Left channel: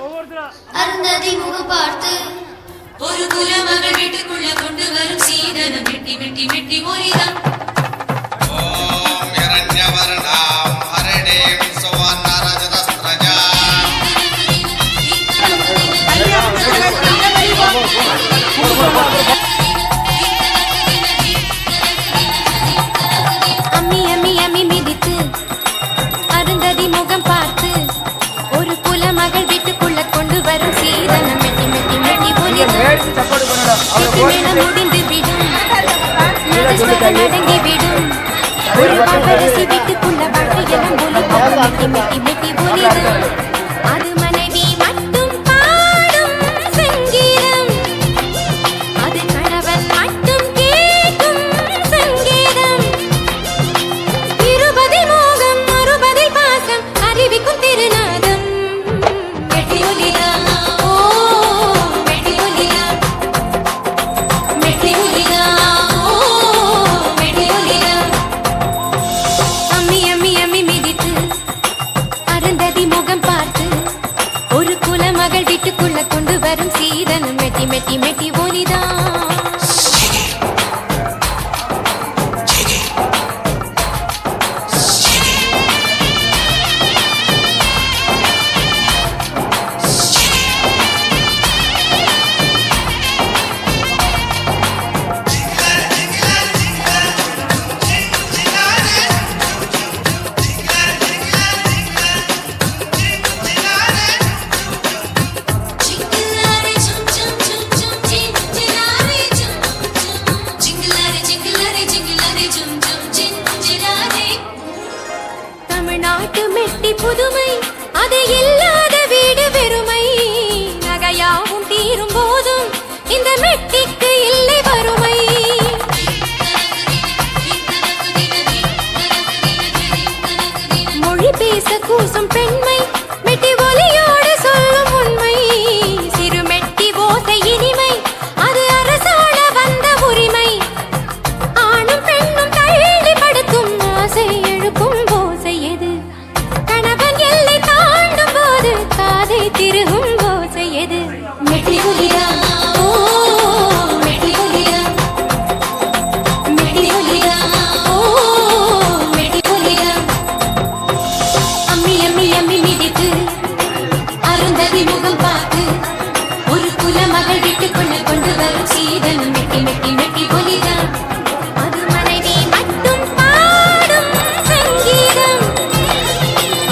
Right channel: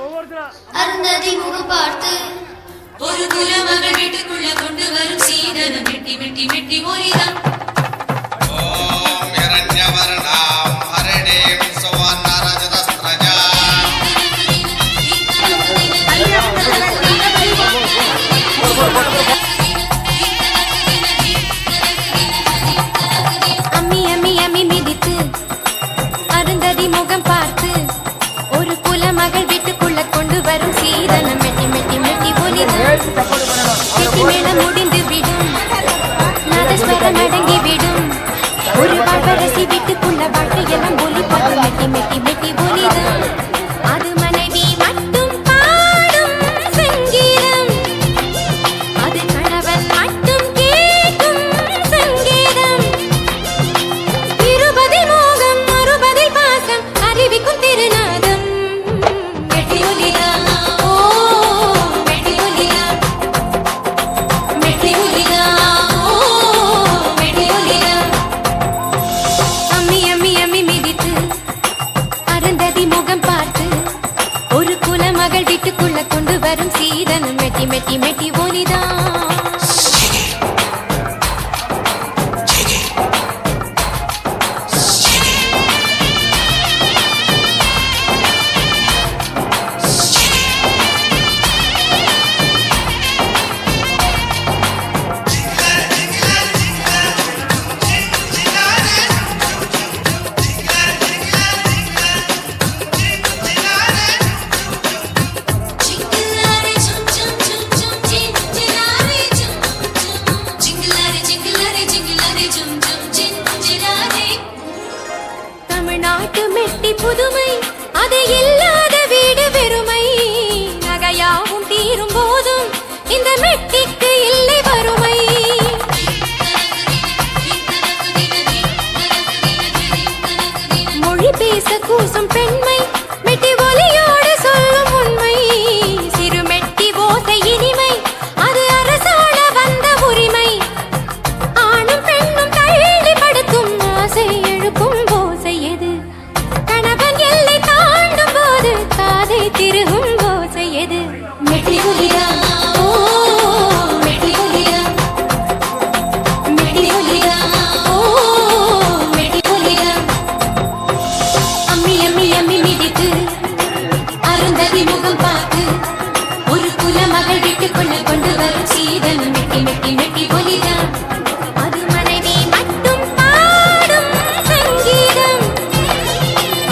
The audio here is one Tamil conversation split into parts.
அருந்ததி முகம் பார்த்து ஒரு குலமகள் வீட்டுக்குள்ள கொண்டு வரும் சீதனம் மெட்டி மெட்டி மெட்டி மொழிதான். அம்மி அம்மி அம்மி மிதித்து அருந்ததி முகம் பார்த்து ஒரு குலமகள் வீட்டுக்குள்ள கொண்டு வரும் சீதனம் மெட்டி மெட்டி மெட்டி முடிந்து விடும் நடங்கி விடும் ஒரு பாவரசி வீட்டுக்குள்ள வாழ்க்கையெல்லாம் மெட்டி மெட்டி மெட்டி ஒலிதான். அது மனைவி மட்டும் பாடும் சங்கீதம், அது கணவன் மட்டும் கேட்கும் சங்கீதம். 20 மோகம் 60 பாசம் அறிவிக்கும் திருநாதம் மெட்டி ஒலிதான். ஓ மெட்டி ஒலிதான், மெட்டி ஒலிதான். ஓ மெட்டி ஒலிதான். அம்மி அம்மி அம்மி மிதித்து அருந்ததி முகம் பார்த்து ஒரு குலமகள் வீட்டுக்குள்ள கொண்டு வரும் சீதனம் மெட்டி மெட்டி மெட்டி ஒலிதான். ஜிங்கிளாரே ஜும் ஜும் ஜும் ஜும் ஜிங்கிளாரே ஜும் ஜும் ஜிங்கிளாரே ஜிங்கிளாரே ஜிங்கிளாரே ஜும் ஜும் ஜிங்கிளாரே. தமிழ்நாட்டு மெட்டி புதுமை, அது இல்லாத வீடு வெறுமை. நகையாவும் தீரும் போதும் இந்த மெட்டிக்கு இல்லை வறுமை. மொழி பேச கூசும் பெண்மை மெட்டி ஒலியோடு சொல்லும் உண்மை. சிறு மெட்டி ஓசை இனிமை, அது அரசாள வந்த உரிமை. ஆணும் பெண்ணும் தள்ளி படுத்தும் ஆசை எழுப்பும் ஓசை எது? கணவன் எல்லை தாண்டும் போது காதை திருகும் ஓசை எது? மெட்டி ஒலிதான். ஓ மெட்டி ஒலிதான், மெட்டி ஒலிதான். ஓ மெட்டி ஒலிதான். அம்மி அம்மி அம்மி மிதித்து அருந்ததி முகம் பார்த்து ஒரு குலமகள் வீட்டுக்குள்ள கொண்டு வரும் சீதனம் மெட்டி மெட்டி மெட்டி ஒலிதான். அது மனைவி மட்டும் பாடும் சங்கீதம்,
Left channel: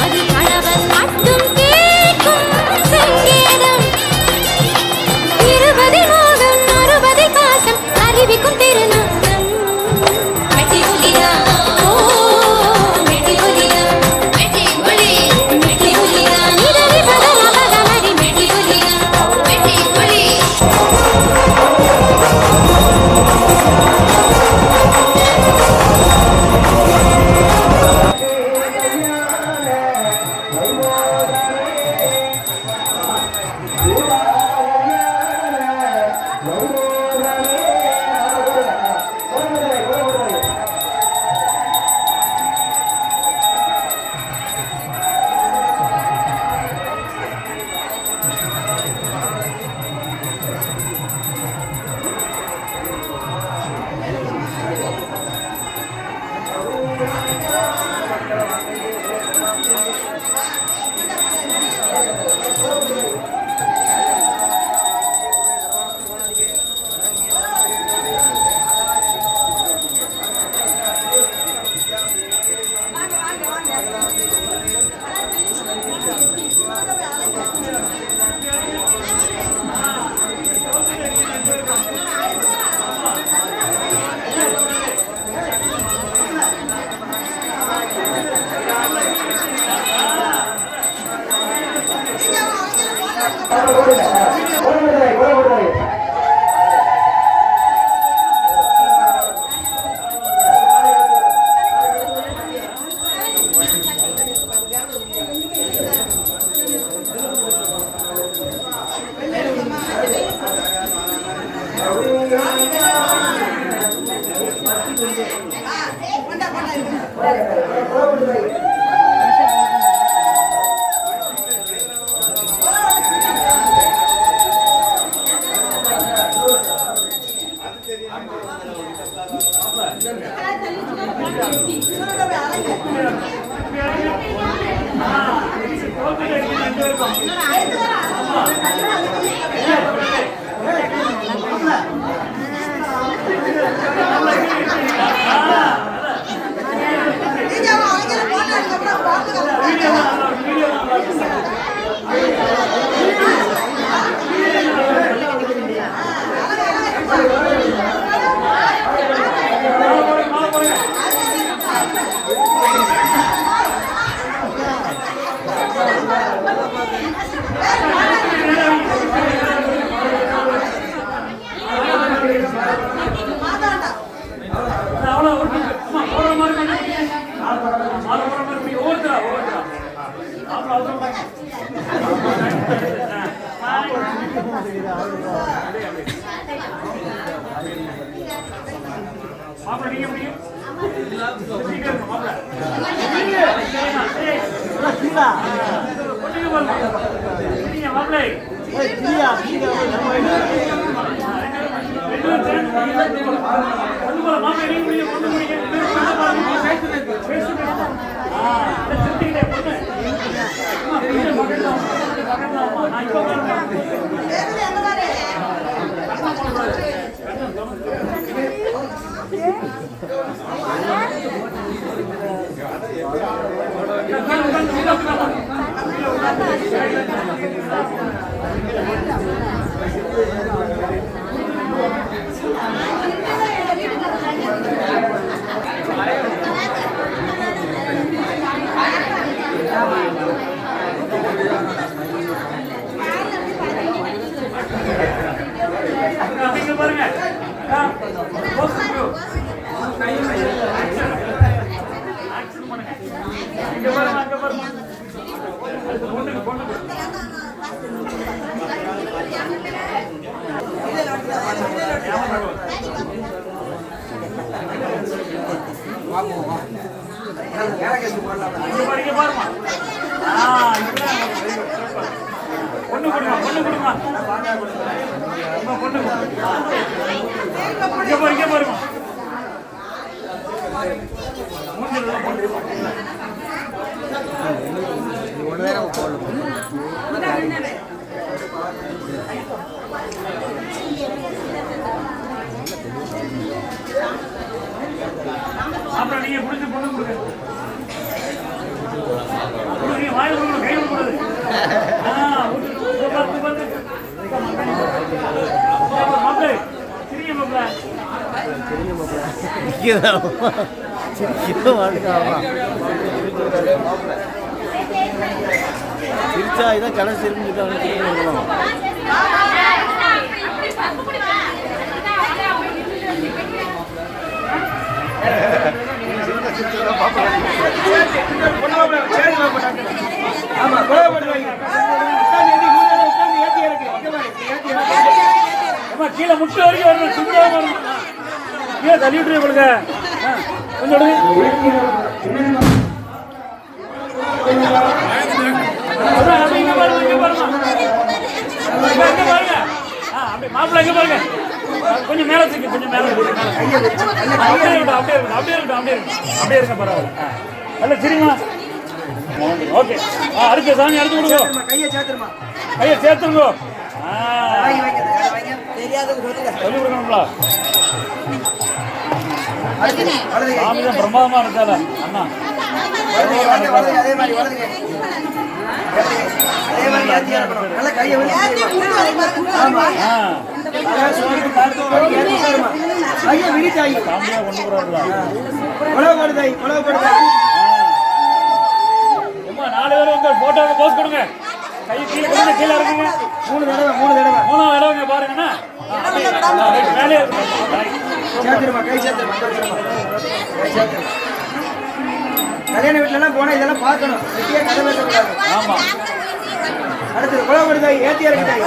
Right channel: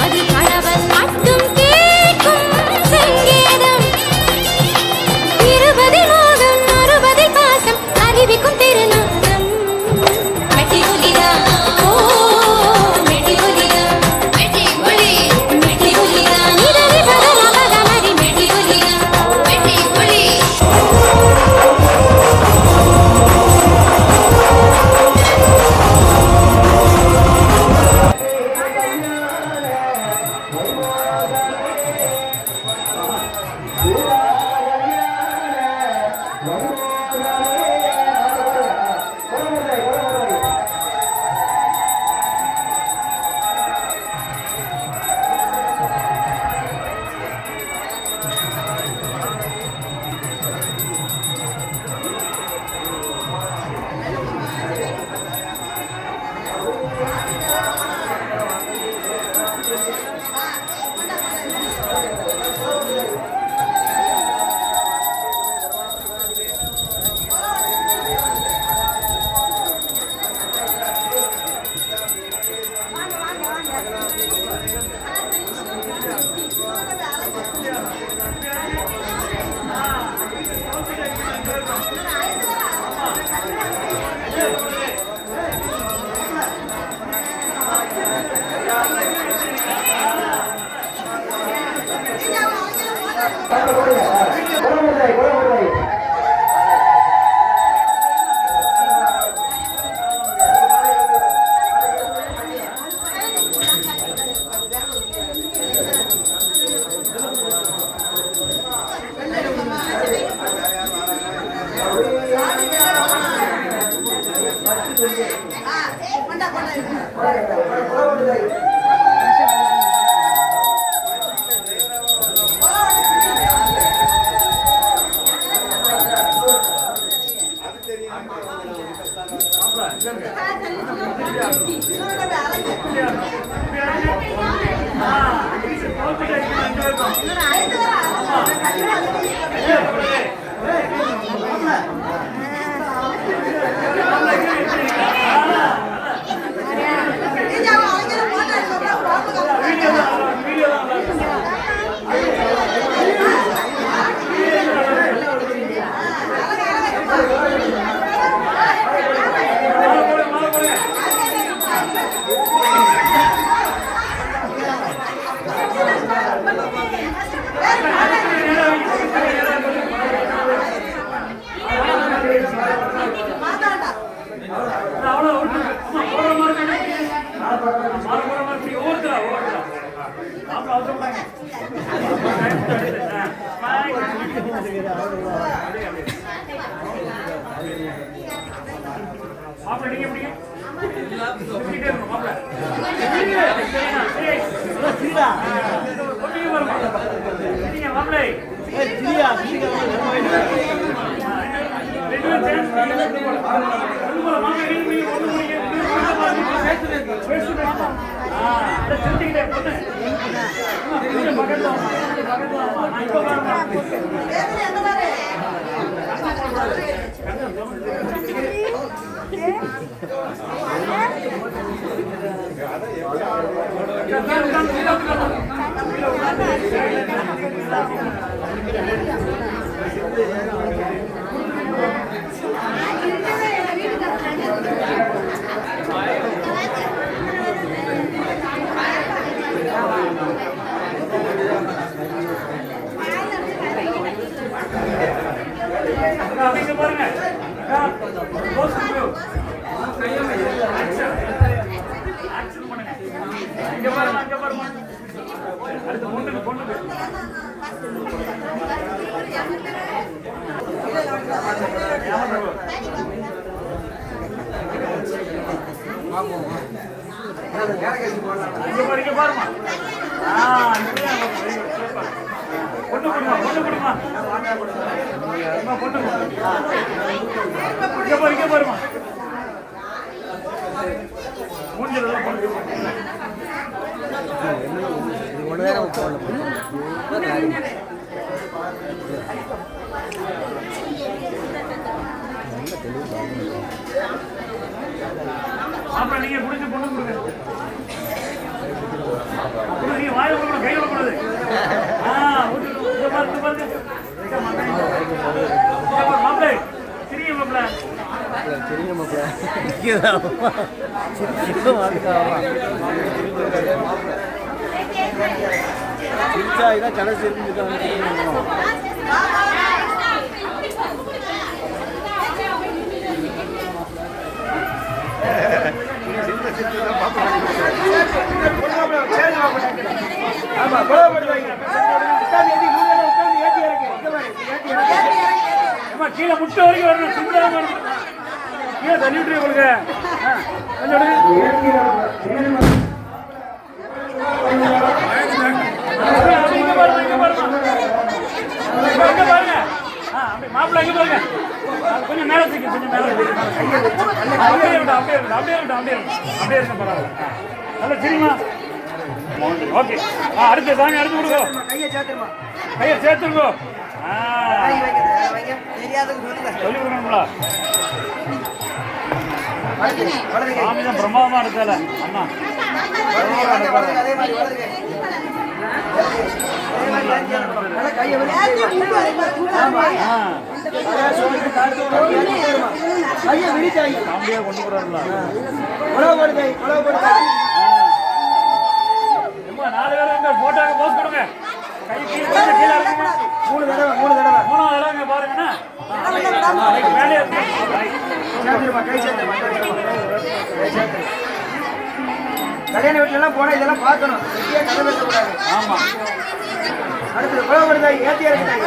அது கணவன் மட்டும் கேட்கும் சங்கீதம். 20 மோகம் 60 பாசம் அறிவிக்கும் திருநாதம் மெட்டி ஒலிதான். ஓ மெட்டி ஒலிதான், மெட்டி ஒலி மெட்டி ஒலிதான். நிதரி பதர பதமரி மெட்டி ஒலிதான். மெட்டி ஒலி. மாப்பிள்ள நீங்க முடியும் மாப்பிள்ளை பாருங்க பொண்ணு கொடுமா பொண்ணு கொடுமா பொண்ணு இங்க பாருமா அப்புறம் நீங்க புடிச்சு பொண்ணு கொடுங்க வாய் கொடுக்கணும் கை கொடுக்கூடாது மாப்பிள்ளை சிரிங்க சிரிச்சா இதான் கடைசி இருக்குன்னு கீழே முட்டு வரைக்கும் வரணும் சுத்தமா வரணும் கீழே தள்ளி விட்டுரு உங்களுக்கு கொஞ்சம் மாப்பிள்ள எங்க பாருங்க கொஞ்சம் மேல தூக்கி கொஞ்சம் மேல அப்படியே இருக்கட்டும் அப்படியே இருக்க பரவாயில்ல நல்ல சரிங்களா ஓகே அடுத்த சாமி அடுத்து கொடுங்க கையை சேர்த்துருங்க சொல்லி கொடுக்கணுங்களா சாமி தான் பிரமாதமா இருக்காத அண்ணா நாலு பேரும் உங்க போட்டோவை போஸ்ட் கொடுங்க கை கீழே கீழே இருக்குங்க மூணு தடவை பாருங்கண்ணா மேலே கல்யாண வீட்டுல போனா இதெல்லாம் பார்க்கணும் ஆமா அடுத்து குழந்தை ஏத்தியா இருக்காய்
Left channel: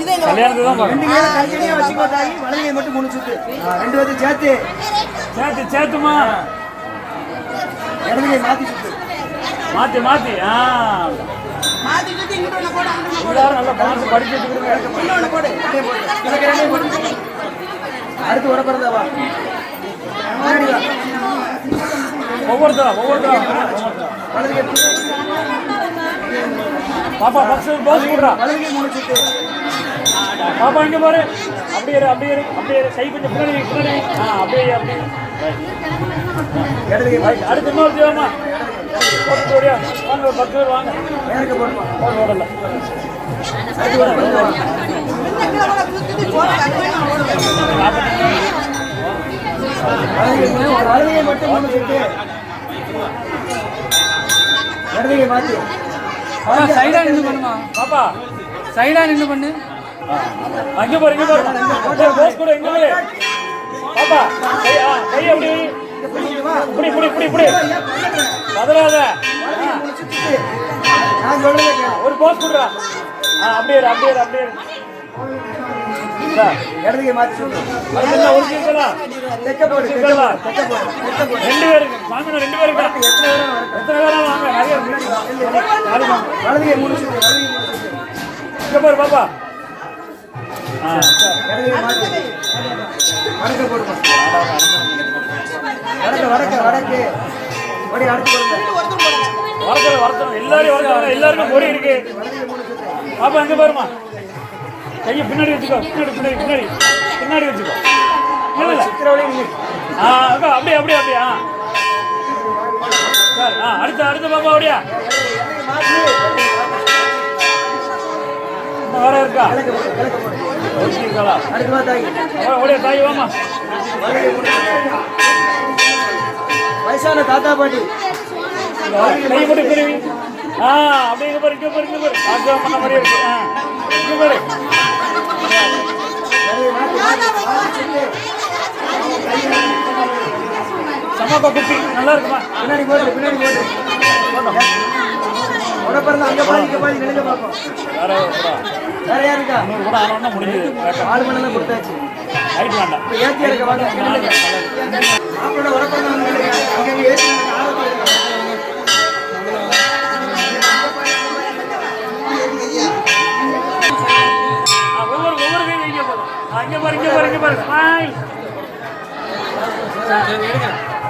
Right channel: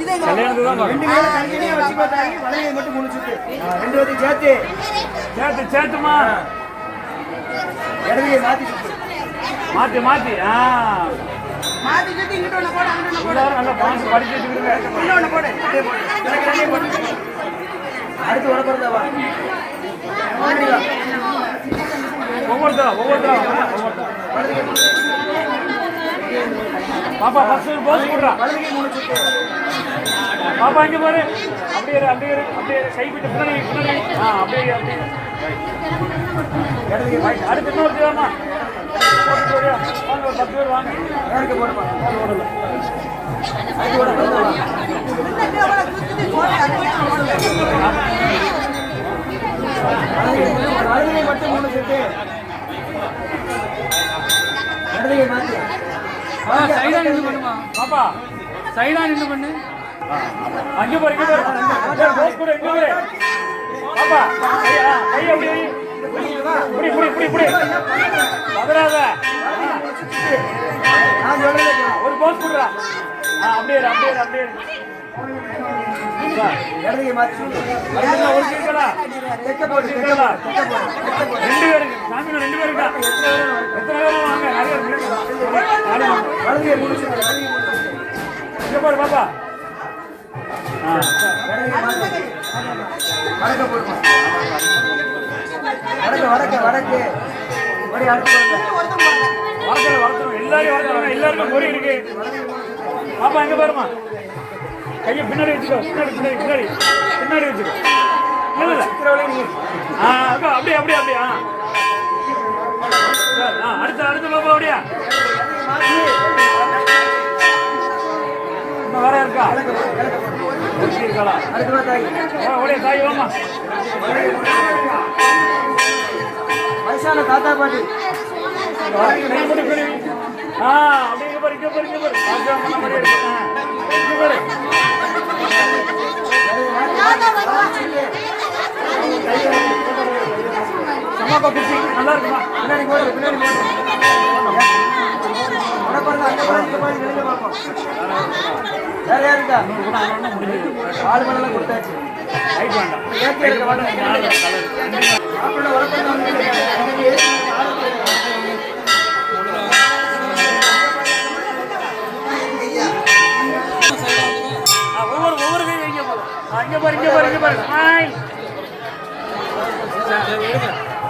இது கல்யாணத்துக்கு தான் பார்க்கணும். 2 கையில தனித்தனியா வச்சுக்கோ தாயி. வலது கை மட்டும் 3 சுத்து. 2 பேரும் சேர்த்து சேர்த்துமா இடது கை மாத்தி சுத்து. மாத்தி எல்லாரும் நல்லா பார்த்து படிச்சு வச்சுக்கிடுங்க. அடுத்து உடப்பறதா வா. முன்னாடி வா. ஒவ்வொருத்தரும் வலது கை பாப்பா ஃபர்ஸ்ட் போஸ் போடுறா. வலது கை 3 சுத்து. பாப்பா இங்க பாரு. அப்படியே கை கொஞ்சம் பின்னாடி அப்படியே இடது கை ரைட். அடுத்து இன்னொரு தேவமா போட்டு ஓடியா வாங்க. ஒரு 10 பேர் வாங்க. நேருக்கு போடுமா. ஓடல அடுத்து உடப்பறதா வா. வலது கை மட்டும் 3 சுத்து. இடது கை மாத்தி. சைடா நின்று பண்ணுமா? பாப்பா சைடா நின்று பண்ணு. அங்க பாரு போஸ் கூட எங்க பாரு. பாப்பா கை அப்படி புடி பதறாத. நான் சொல்றதை கேளு. ஒரு போஸ் கொடுறா. அப்படியே சார் இடது கை மாத்தி சுத்து. அதுல ஒரு சீக்கலா தெக்க போடு. தெக்க போடு. 2 பேருக்கு மாமினா 2 பேருக்கு எத்தனை பேரா வாங்க. நிறைய வலது கை 3 சுத்து. வலது கை 3 சுத்து. இங்க பாரு பாப்பா. இடது கை மாத்தி. வடக்க போடுமா. வடக்கு. ஓடி அடுத்து போடுங்க. வரத்தணும் எல்லாருக்கும் பொறி இருக்கு. பாப்பா எங்க பாருமா. கையை பின்னாடி வச்சுக்கோ. பின்னாடி வச்சுக்கோ. இல்ல சித்திரவழி நீ. அப்படியே சார் அடுத்த பாப்பா அப்படியா வேற இருக்கா. கிழக்கு போடு. ஓகேங்களா. அடுத்து வா தாய். ஓடியா தாய் வாமா. வயசான தாத்தா பாட்டி. கை போட்டு பிரிவி. அப்படியே இங்க பாரு. ஆச்சா பண்ண மாதிரி இருக்கு. இங்க பாரு. சமாப்பா குட்டி நல்லா இருக்குமா. பின்னாடி போடு. உடப்பறதா அங்க பாதி நினைக்க பார்ப்போம். வேற யார் இருக்கா? கூட ஆனா முடிஞ்சது. ஆள் மண்ணெல்லாம் கொடுத்தாச்சு. ரைட் வேண்டாம். இப்ப ஏத்தி இருக்க வாங்க. மாப்பிளோட உடப்பறதா அங்க ஏத்தி ஒவ்வொரு கை வைக்க போதும். இங்க பாரு. ஸ்மைல்.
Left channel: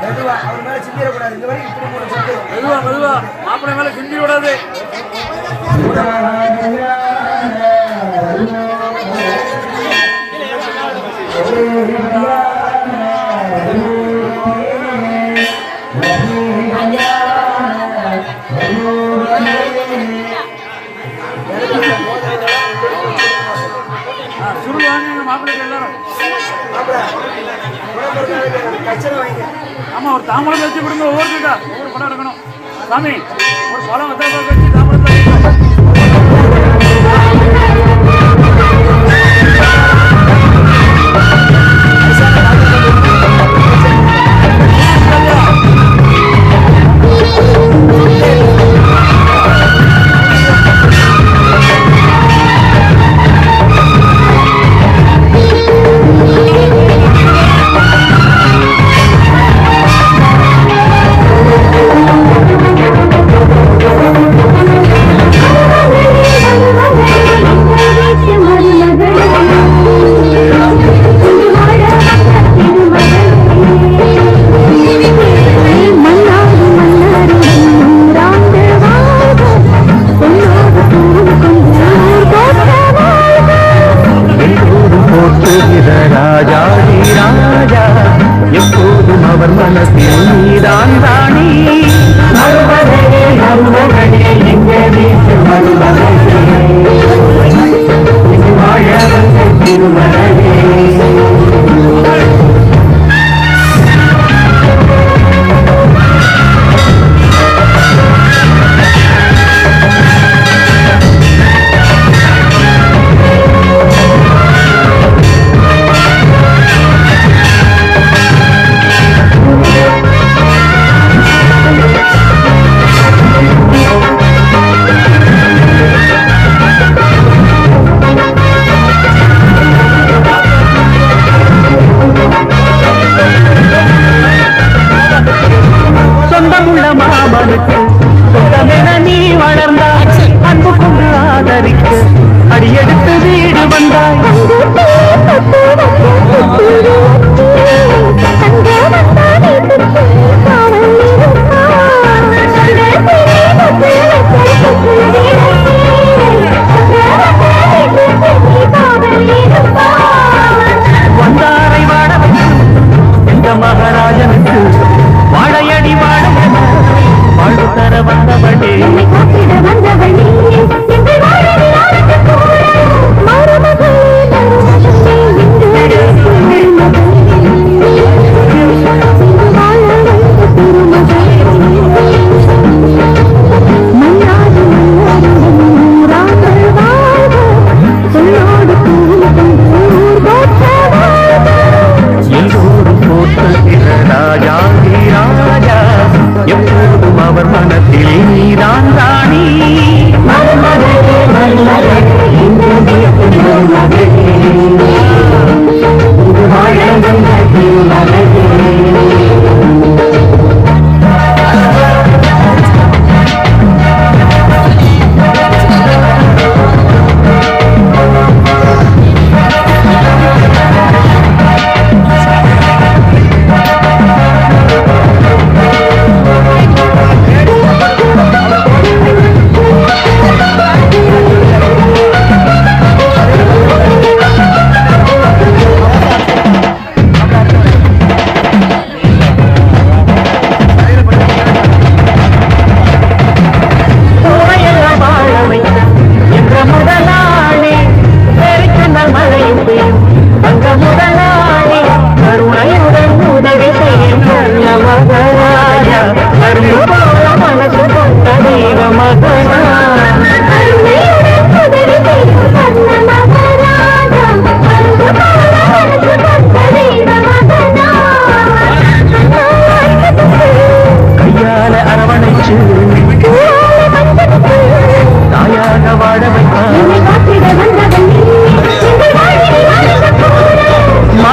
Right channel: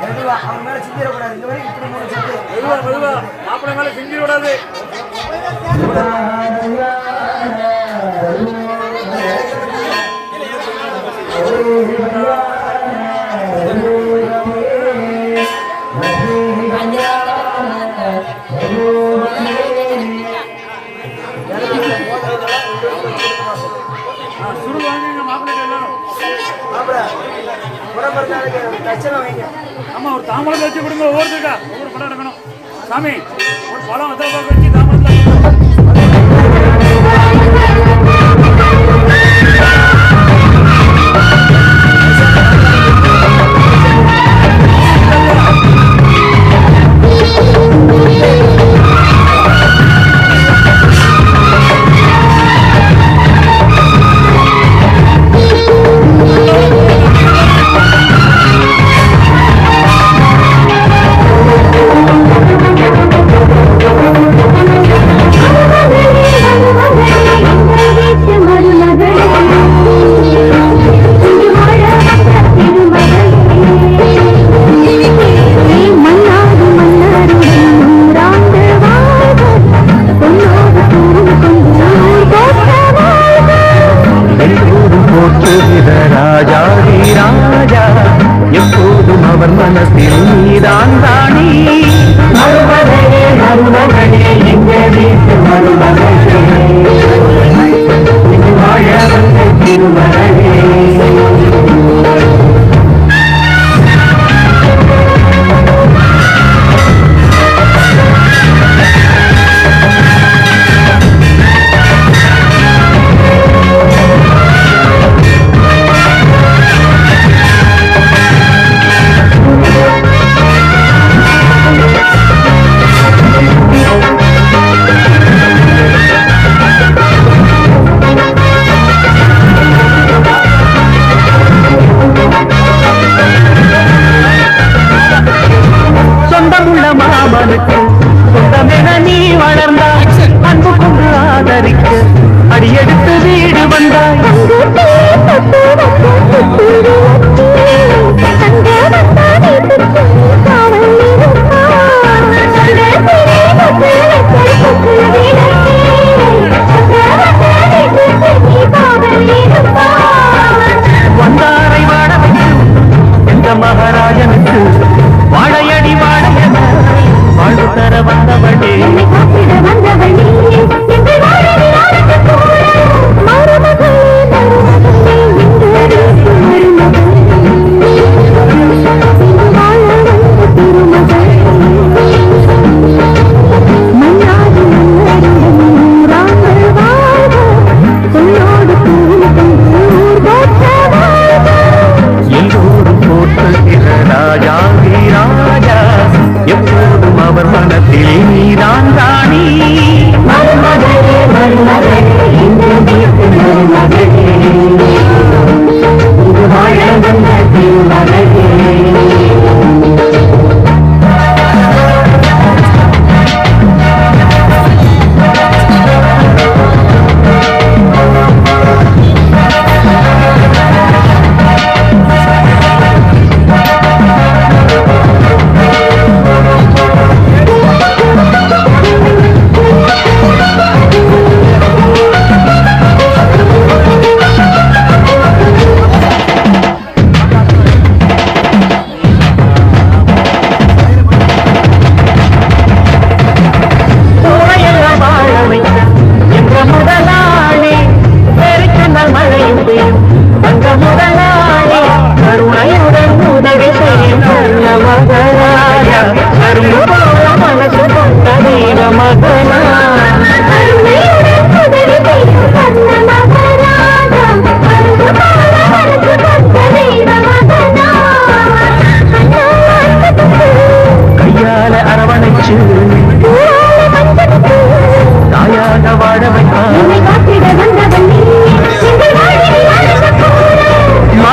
மெதுவா அவர் மேல சிந்திரக்கூடாது. இந்த வரைக்கும் இப்படி 3 சுத்து. மெதுவா மாப்பிள்ளை மேல சிந்தி விடாது. சுருவாங்க மாப்பிள்ளைக்கு எல்லாரும். கச்சனை வாங்கி. ஆமா ஒரு தாம்பரம் வச்சு கொடுங்க. ஒவ்வொரு படம் இருக்கணும். சாமி ஒரு படம் வச்சு தாம்பரத்தை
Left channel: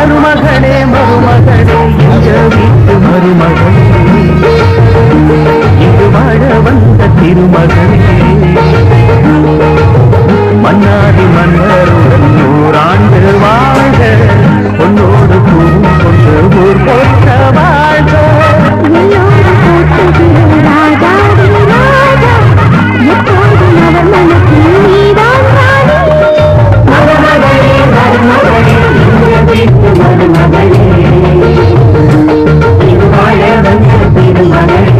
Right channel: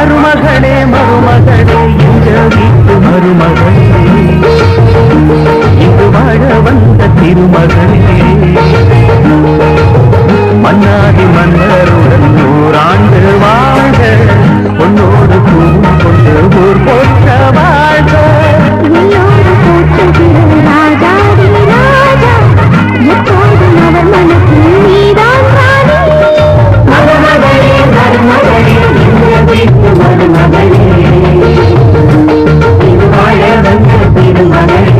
மருமகளே மருமகளே எங்க வீட்டு மருமகளே இது வாழ வந்த திருமகளே மன்னாதி மன்னருடன் நூறாண்டு வாழ்க பொன்னோடு பூவும் கொண்டு ஊர் போற்ற வாழ்க மருமகளே மருமகளே எங்க வீட்டு மருமகளே இது வாழ வந்த திருமகளே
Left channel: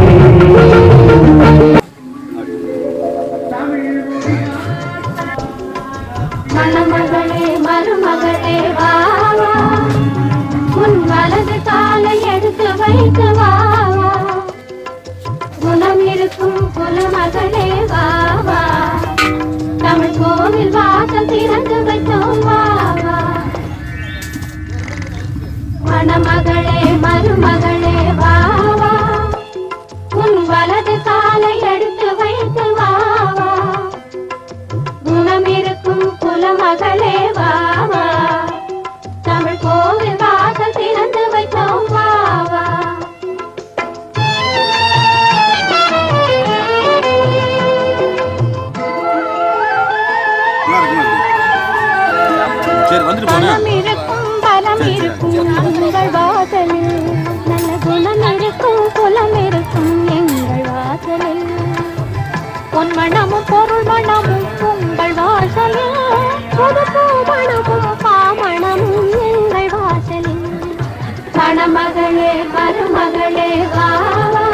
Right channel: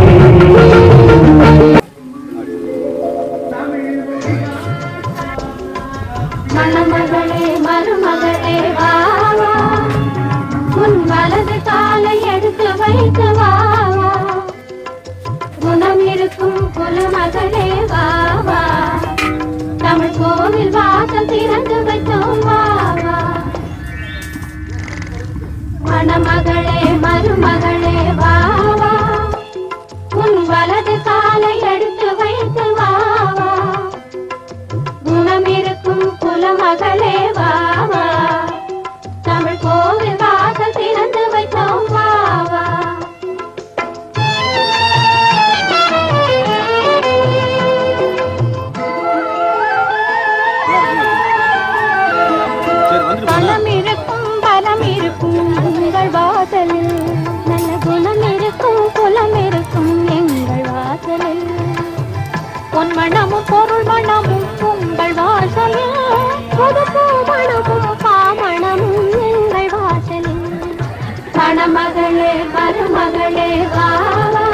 மணமகளே மருமகளே வா வா. உன் வலது காலை எடுத்து வைத்து வா வா. குணம் இருக்கும் குலமகளே வா வா. தமிழ் கோவில் வாசல் திறந்து வைத்தோம் வா வா. மணமகளே மருமகளே வா வா. உன் வலது காலை எடுத்து வைத்து வா வா. குணம் இருக்கும் குலமகளே வா வா. தமிழ் கோவில் வாசல் திறந்து வைத்தோம் வா வா. பலம் இருக்கும் பலம் இருக்கும் உங்கள் வாசலில். நல்ல குணம் இருக்கும் குலம் இருக்கும் எங்கள் வாசலில். பொன்மணமும் பொருள் மணமும் உங்கள் வாசலில். புது பூமணமும் பாமணமும் எங்கள் வாசலில். மணமகளே மருமகளே வா வா.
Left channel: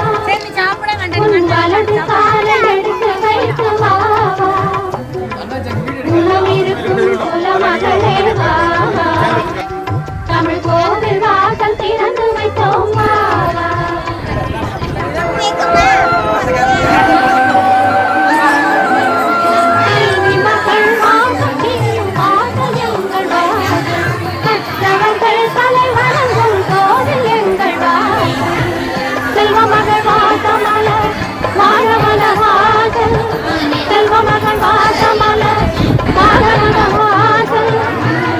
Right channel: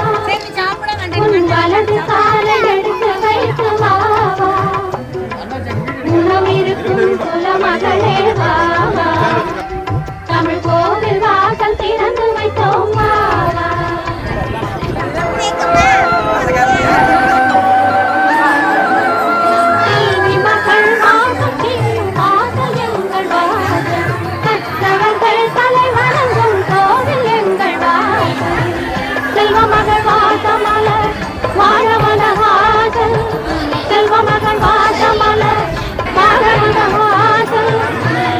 உன் வலது காலை எடுத்து வைத்து வா வா. குலம் இருக்கும் குலமகளே வா வா. தமிழ் கோவில் வாசல் திறந்து வைத்தோம் வா வா. கல்வி மகள் வாசல் தீரும் வாசல் எங்கள் வாசல். கற்றவர்கள் தலை வணங்கும் கோவில் எங்கள் வாசல். செல்வ மகள் வாசமலர் வாழமல வாசல். செல்வ மகள் வாசமலர் வாழமல வாசல்.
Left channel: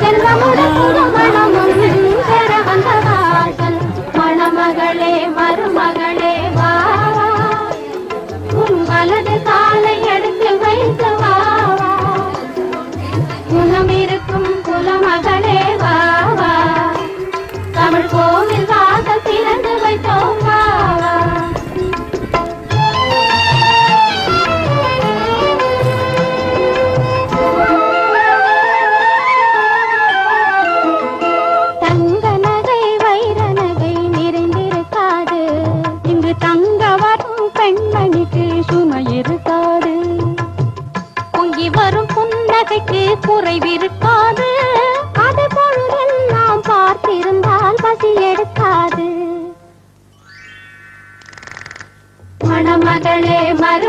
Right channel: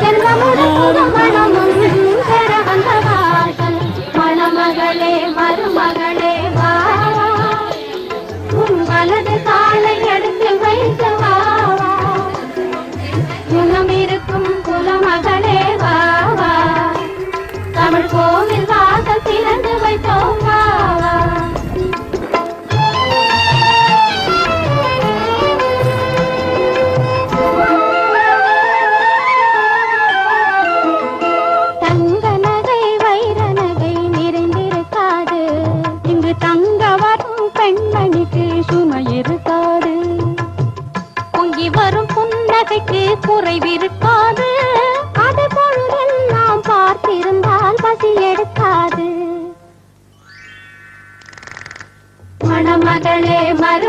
செல்வமுடன் புதுமணமும் பெற வந்த வாசல். மணமகளே மருமகளே வா வா. உன் வலது காலை எடுத்து வைத்து வா வா. குணம் இருக்கும் குலமகளே வா வா. தமிழ் கோவில் வாசல் திறந்து வைத்தோம் வா வா. தங்க நகை வைர நகை நிறைந்திருக்காது. இங்கு தங்க வரும் பெண்மணிக்கு சுமை இருக்காது. பொங்கி வரும் புன்னகைக்கு குறைவிருக்காது. அது பொழுதெல்லாம் பார்த்திருந்தால் பசி எடுக்காது. மணமகளே மரு